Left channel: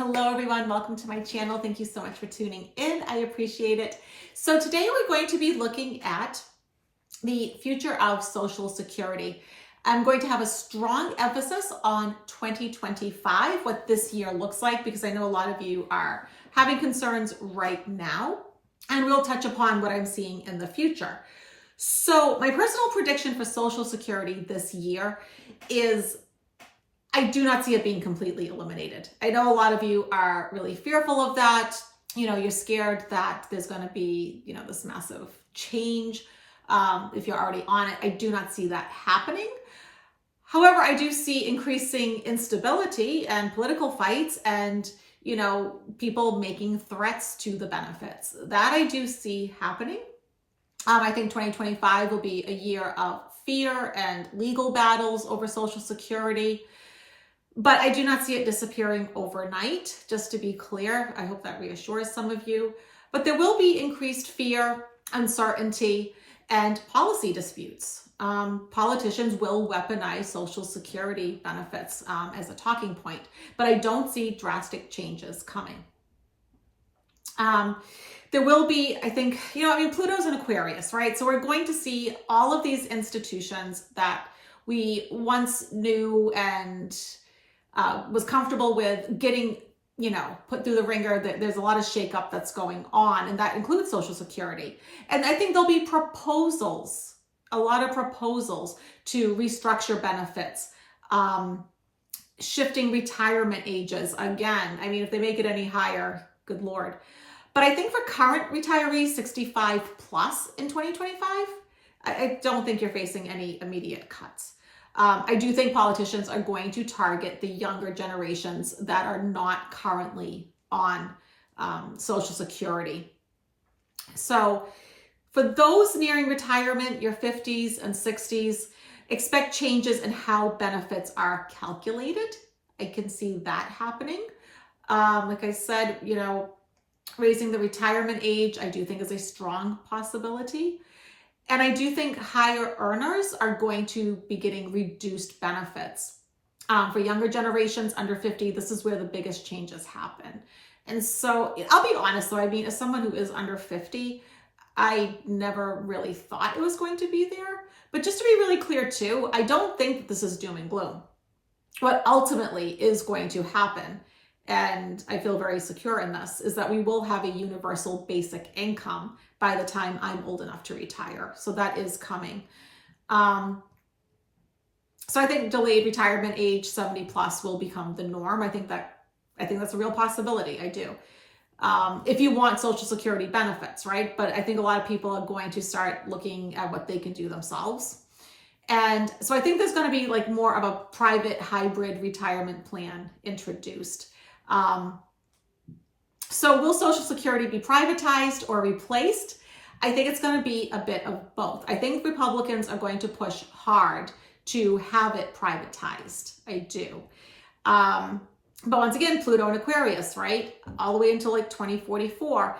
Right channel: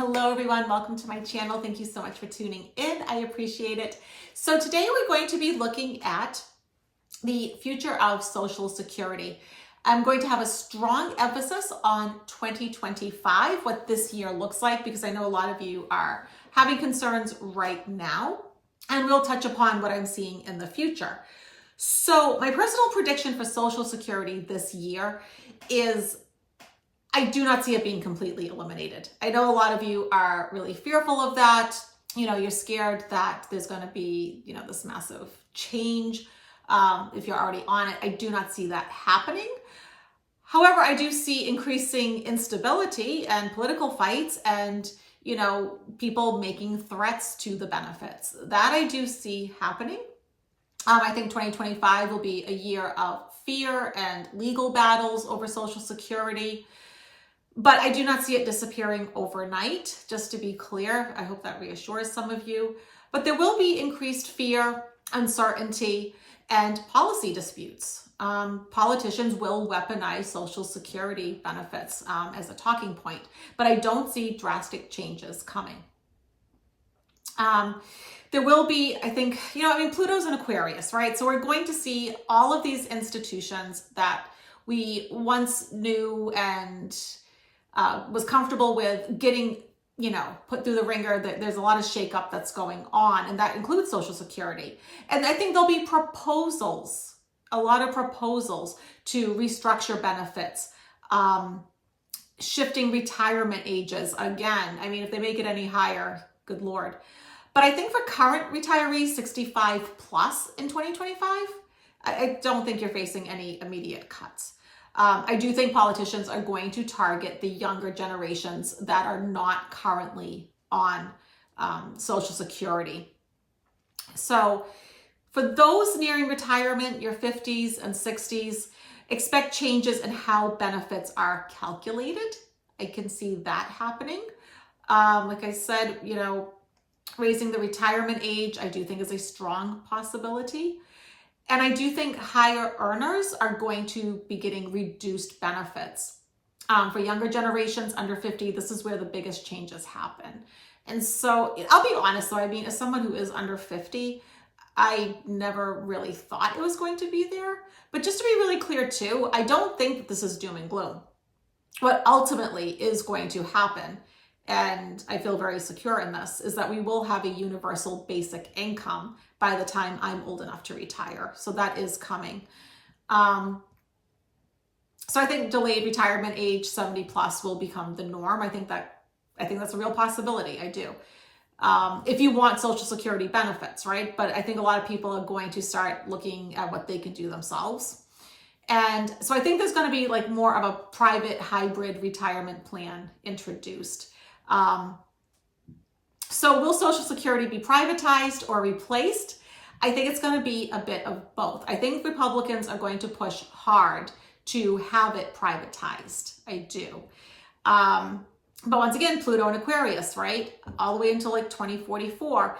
Hello everyone, welcome to my channel. Thank you so much for tuning in. I appreciate it. So today we're going to be looking at the future of Social Security. I'm going to have a strong emphasis on 2025, what this year looks like, because I know a lot of you are having concerns right now, and we'll touch upon what I'm seeing in the future. So my personal prediction for Social Security this year is I do not see it being completely eliminated. I know a lot of you are really fearful of that. You know, you're scared that there's going to be, this massive change if you're already on it. I do not see that happening. However, I do see increasing instability and political fights and, people making threats to the benefits. That I do see happening. I think 2025 will be a year of fear and legal battles over Social Security. But I do not see it disappearing overnight, just to be clear. I hope that reassures some of you. But there will be increased fear, uncertainty, and policy disputes. Politicians will weaponize Social Security benefits as a talking point, but I don't see drastic changes coming. There will be, I think, Pluto's in Aquarius, right? So we're going to see all of these institutions that we once knew and was comfortable with getting, put through the ringer. That there's a lot of shakeup that's going on, and that includes Social Security. And I think there'll be proposals, a lot of proposals to restructure benefits, shifting retirement ages. Again, if they make it any higher, good Lord. But I think for current retirees, 65 plus in 2025, I don't think you're facing any immediate cuts. I do think politicians are going to target the younger generations that are not currently on Social Security. So for those nearing retirement, your 50s and 60s, expect changes in how benefits are calculated. I can see that happening. Like I said, raising the retirement age, I do think is a strong possibility. And I do think higher earners are going to be getting reduced benefits. For younger generations under 50, this is where the biggest changes happen. And so I'll be honest though, as someone who is under 50, I never really thought it was going to be there. But just to be really clear too, I don't think that this is doom and gloom. What ultimately is going to happen, and I feel very secure in this, is that we will have a universal basic income by the time I'm old enough to retire. So that is coming. So I think delayed retirement age 70 plus will become the norm. I think that's a real possibility. I do. If you want Social Security benefits, right? But I think a lot of people are going to start looking at what they can do themselves. And so I think there's going to be like more of a private hybrid retirement plan introduced. So will Social Security be privatized or replaced? I think it's going to be a bit of both. I think Republicans are going to push hard to have it privatized. I do. But once again, Pluto and Aquarius, right? All the way until like 2044,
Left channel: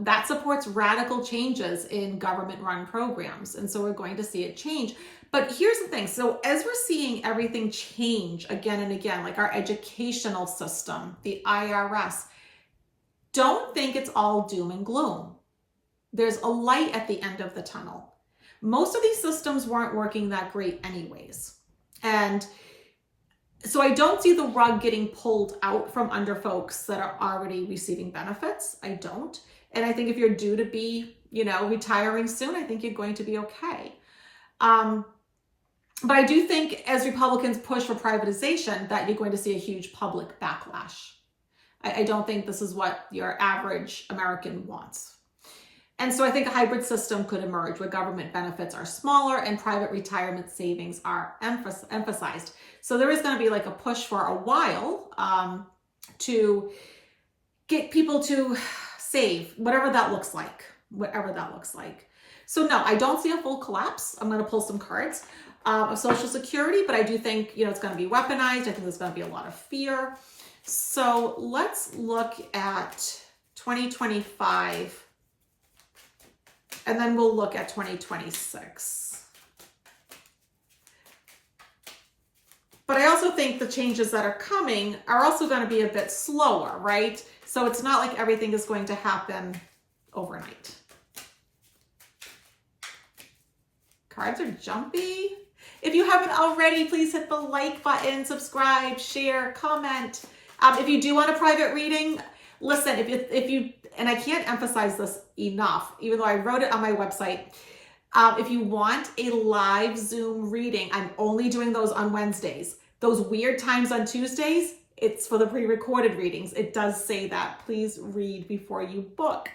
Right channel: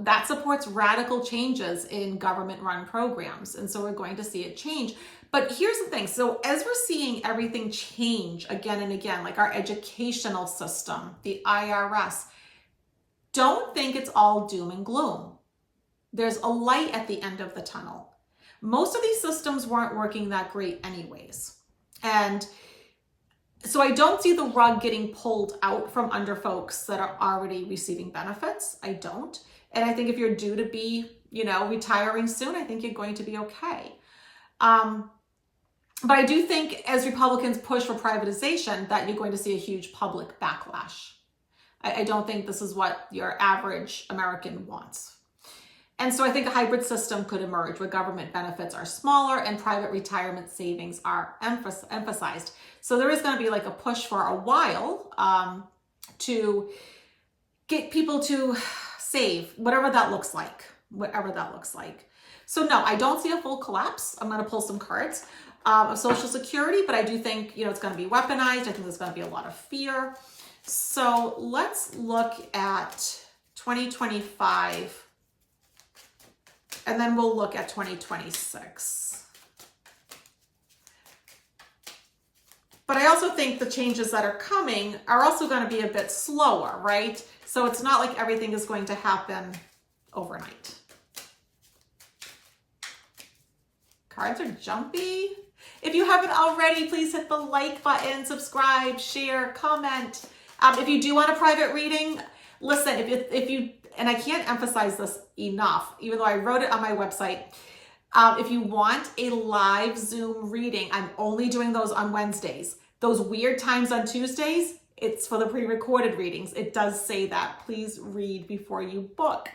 that supports radical changes in government-run programs. And so we're going to see it change. But here's the thing. So as we're seeing everything change again and again, like our educational system, the IRS, don't think it's all doom and gloom. There's a light at the end of the tunnel. Most of these systems weren't working that great anyways. And so I don't see the rug getting pulled out from under folks that are already receiving benefits. I don't. And I think if you're due to be, retiring soon, I think you're going to be okay. But I do think as Republicans push for privatization that you're going to see a huge public backlash. I don't think this is what your average American wants. And so I think a hybrid system could emerge where government benefits are smaller and private retirement savings are emphasized. So there is going to be like a push for a while to get people to save, whatever that looks like. So no, I don't see a full collapse. I'm going to pull some cards of Social Security, but I do think, it's going to be weaponized. I think there's going to be a lot of fear. So let's look at 2025, and then we'll look at 2026. But I also think the changes that are coming are also going to be a bit slower, right? So it's not like everything is going to happen overnight. Cards are jumpy. If you haven't already, please hit the like button, subscribe, share, comment. If you do want a private reading, listen, if you, and I can't emphasize this enough, even though I wrote it on my website, if you want a live Zoom reading, I'm only doing those on Wednesdays. Those weird times on Tuesdays, it's for the pre-recorded readings. It does say that. Please read before you book.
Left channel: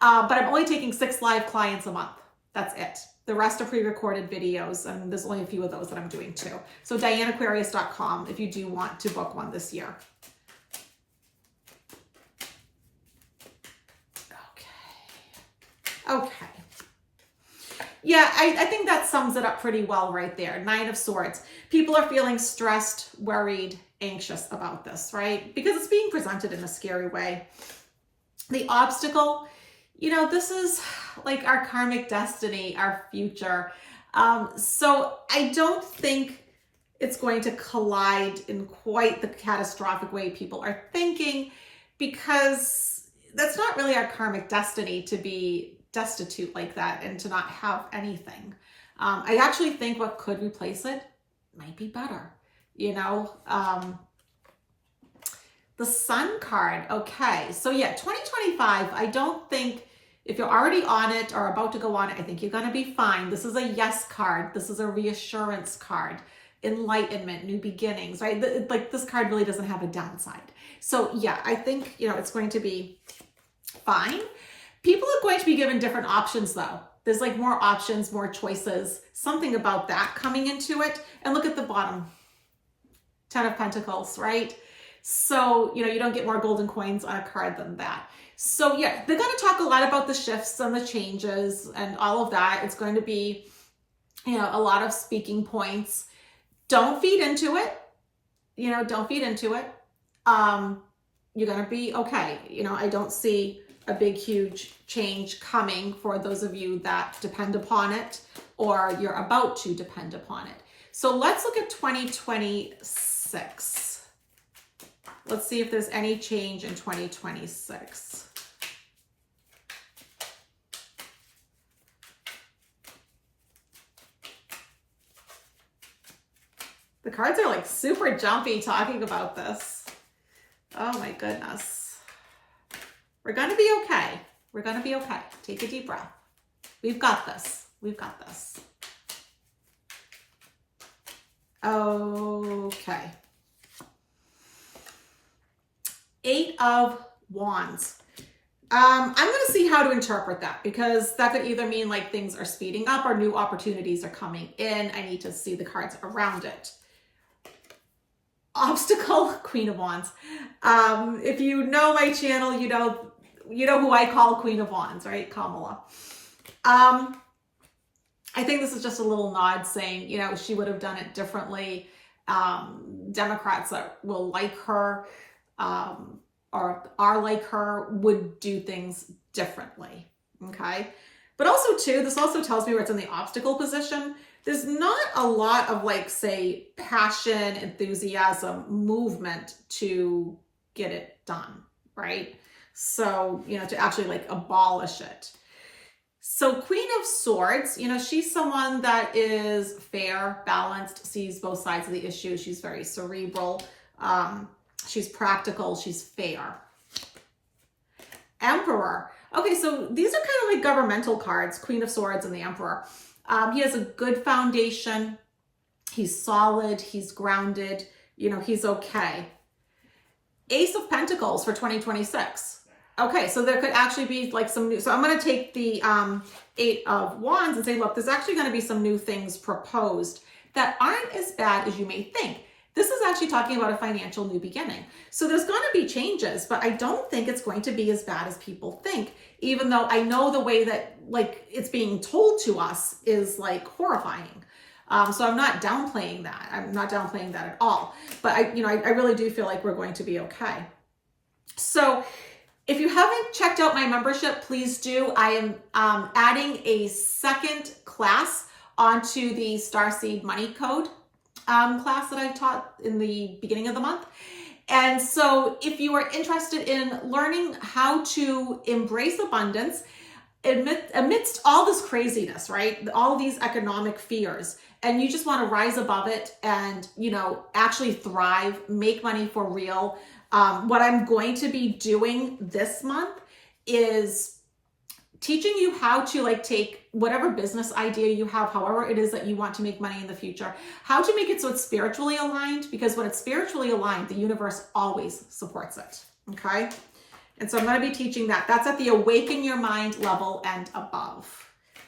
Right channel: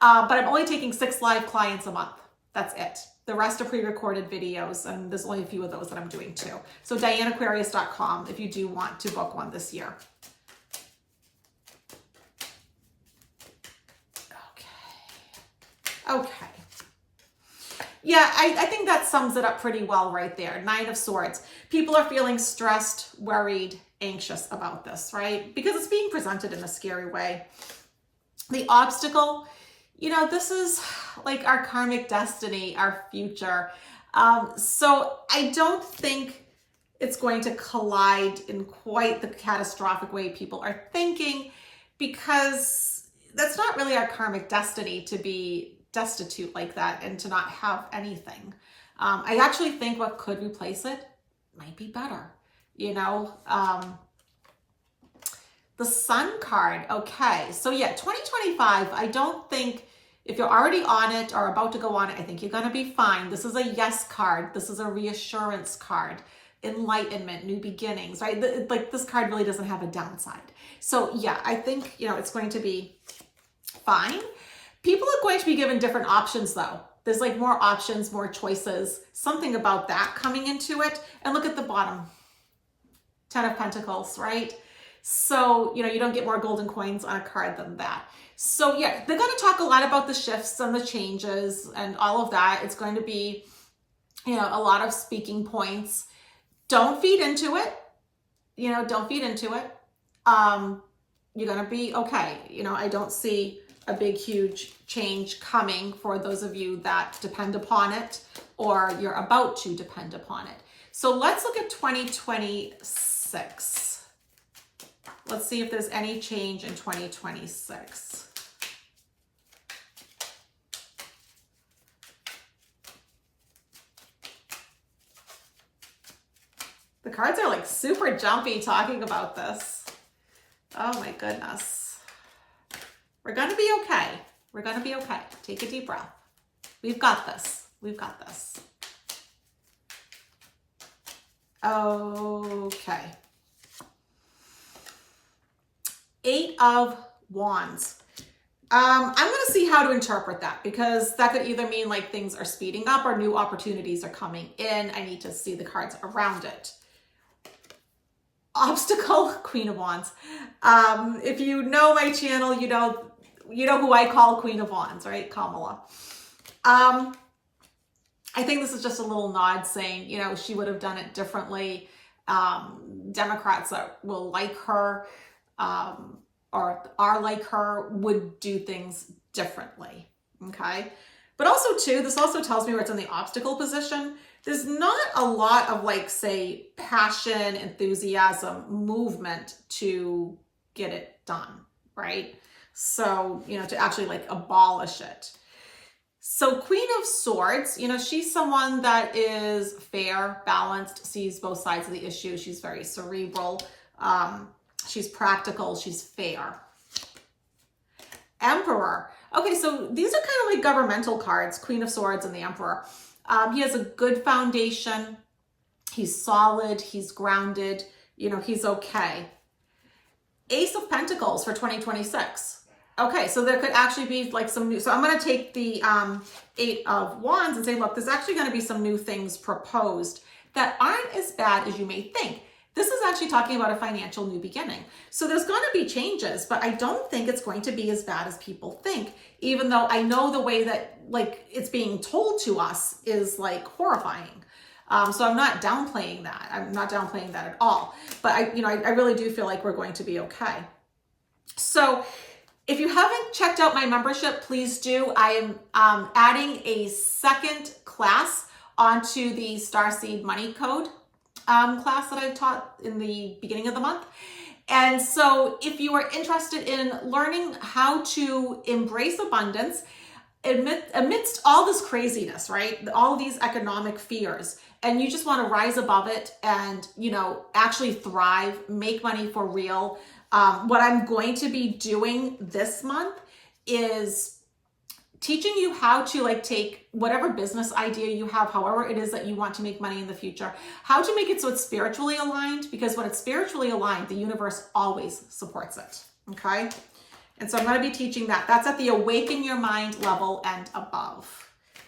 But I'm only taking 6 live clients a month. That's it. The rest are pre-recorded videos, and there's only a few of those that I'm doing too. So DianeAquarius.com if you do want to book one this year. Okay. Yeah, I think that sums it up pretty well right there. 9 of Swords. People are feeling stressed, worried, anxious about this, right? Because it's being presented in a scary way. The obstacle, you know, this is like our karmic destiny, our future. So I don't think it's going to collide in quite the catastrophic way people are thinking, because that's not really our karmic destiny to be destitute like that and to not have anything. I actually think what could replace it might be better, you know. The Sun card, okay. So yeah, 2025, I don't think, if you're already on it or about to go on it, I think you're going to be fine. This is a yes card. This is a reassurance card. Enlightenment, new beginnings, right? Like this card really doesn't have a downside. So yeah, I think, you know, it's going to be fine. People are going to be given different options though. There's like more options, more choices, something about that coming into it. And look at the bottom, 10 of Pentacles, right? So, you know, you don't get more golden coins on a card than that. So yeah, they're going to talk a lot about the shifts and the changes and all of that. It's going to be, you know, a lot of speaking points. Don't feed into it. You know, don't feed into it. You're going to be okay. You know, I don't see a big, huge change coming for those of you that depend upon it or you're about to depend upon it. So let's look at 2026. Let's see if there's any change in 2026. The cards are like super jumpy talking about this. Oh my goodness. We're going to be okay. We're going to be okay. Take a deep breath. We've got this. We've got this. Okay. 8 of Wands. I'm going to see how to interpret that, because that could either mean like things are speeding up or new opportunities are coming in. I need to see the cards around it. Obstacle, Queen of Wands. If you know my channel, you know who I call Queen of Wands, right? Kamala. I think this is just a little nod saying, you know, she would have done it differently. Democrats that will like her, or are like her, would do things differently, okay? But also too, this also tells me where it's in the obstacle position. There's not a lot of like, say, passion, enthusiasm, movement to get it done, right? So, you know, to actually like abolish it. So Queen of Swords, you know, she's someone that is fair, balanced, sees both sides of the issue. She's very cerebral. She's practical. She's fair. Emperor. Okay, so these are kind of like governmental cards, Queen of Swords and the Emperor. He has a good foundation. He's solid. He's grounded. You know, he's okay. Ace of Pentacles for 2026. Okay, so there could actually be like some new, so I'm going to take the 8 of Wands and say, look, there's actually going to be some new things proposed that aren't as bad as you may think. This is actually talking about a financial new beginning. So there's going to be changes, but I don't think it's going to be as bad as people think, even though I know the way that like it's being told to us is like horrifying. So I'm not downplaying that. I'm not downplaying that at all. But I really do feel like we're going to be okay. So if you haven't checked out my membership, please do. I am adding a second class onto the Starseed Money Code. class that I've taught in the beginning of the month. And so if you are interested in learning how to embrace abundance amidst all this craziness, right? All these economic fears, and you just want to rise above it and, actually thrive, make money for real. What I'm going to be doing this month is teaching you how to take whatever business idea you have, however it is that you want to make money in the future, how to make it so it's spiritually aligned, because when it's spiritually aligned, the universe always supports it, okay? And so I'm going to be teaching that. That's at the Awaken Your Mind level and above.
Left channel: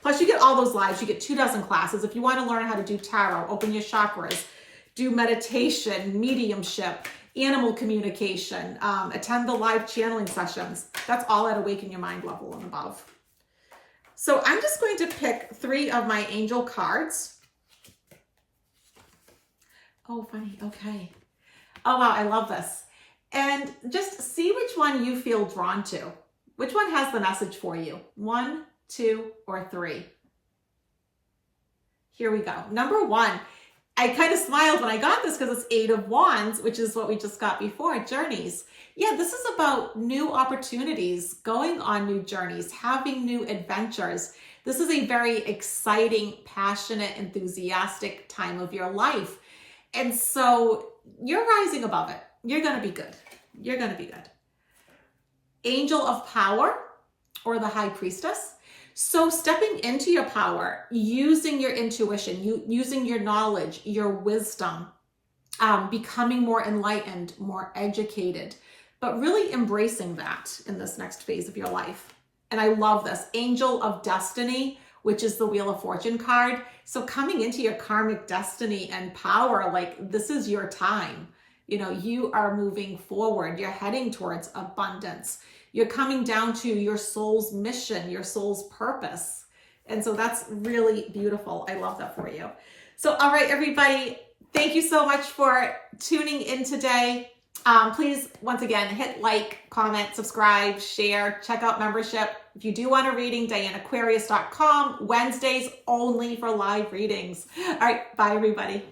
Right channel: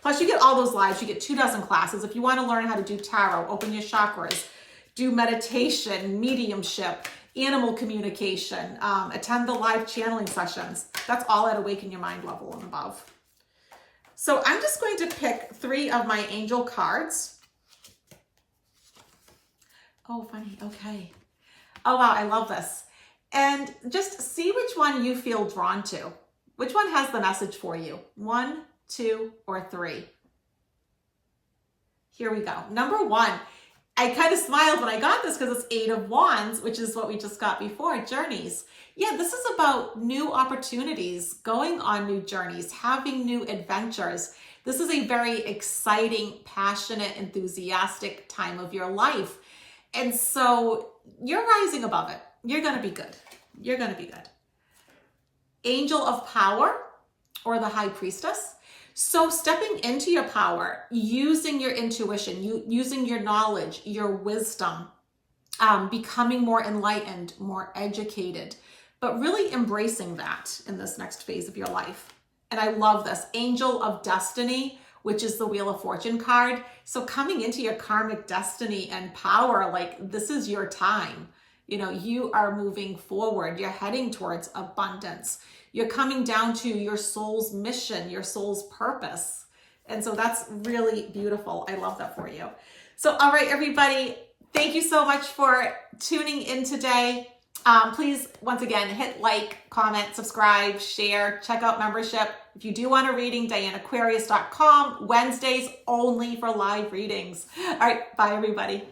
Plus you get all those lives. You get 24 classes. If you want to learn how to do tarot, open your chakras, do meditation, mediumship, animal communication, attend the live channeling sessions, that's all at Awaken Your Mind level and above. So I'm just going to pick 3 of my angel cards. Oh, funny. Okay. Oh, wow. I love this. And just see which one you feel drawn to. Which one has the message for you? 1, 2, or 3. Here we go. Number 1. I kind of smiled when I got this because it's 8 of Wands, which is what we just got before, journeys. Yeah, this is about new opportunities, going on new journeys, having new adventures. This is a very exciting, passionate, enthusiastic time of your life. And so you're rising above it. You're going to be good. You're going to be good. Angel of Power, or the High Priestess. So stepping into your power, using your intuition, using your knowledge, your wisdom, becoming more enlightened, more educated, but really embracing that in this next phase of your life. And I love this. Angel of Destiny, which is the Wheel of Fortune card. So coming into your karmic destiny and power, this is your time. You are moving forward. You're heading towards abundance. You're coming down to your soul's mission, your soul's purpose. And so that's really beautiful. I love that for you. So, all right, everybody, thank you so much for tuning in today. Please, once again, hit like, comment, subscribe, share, check out membership. If you do want a reading, DianeAquarius.com, Wednesdays only for live readings. All right, bye, everybody.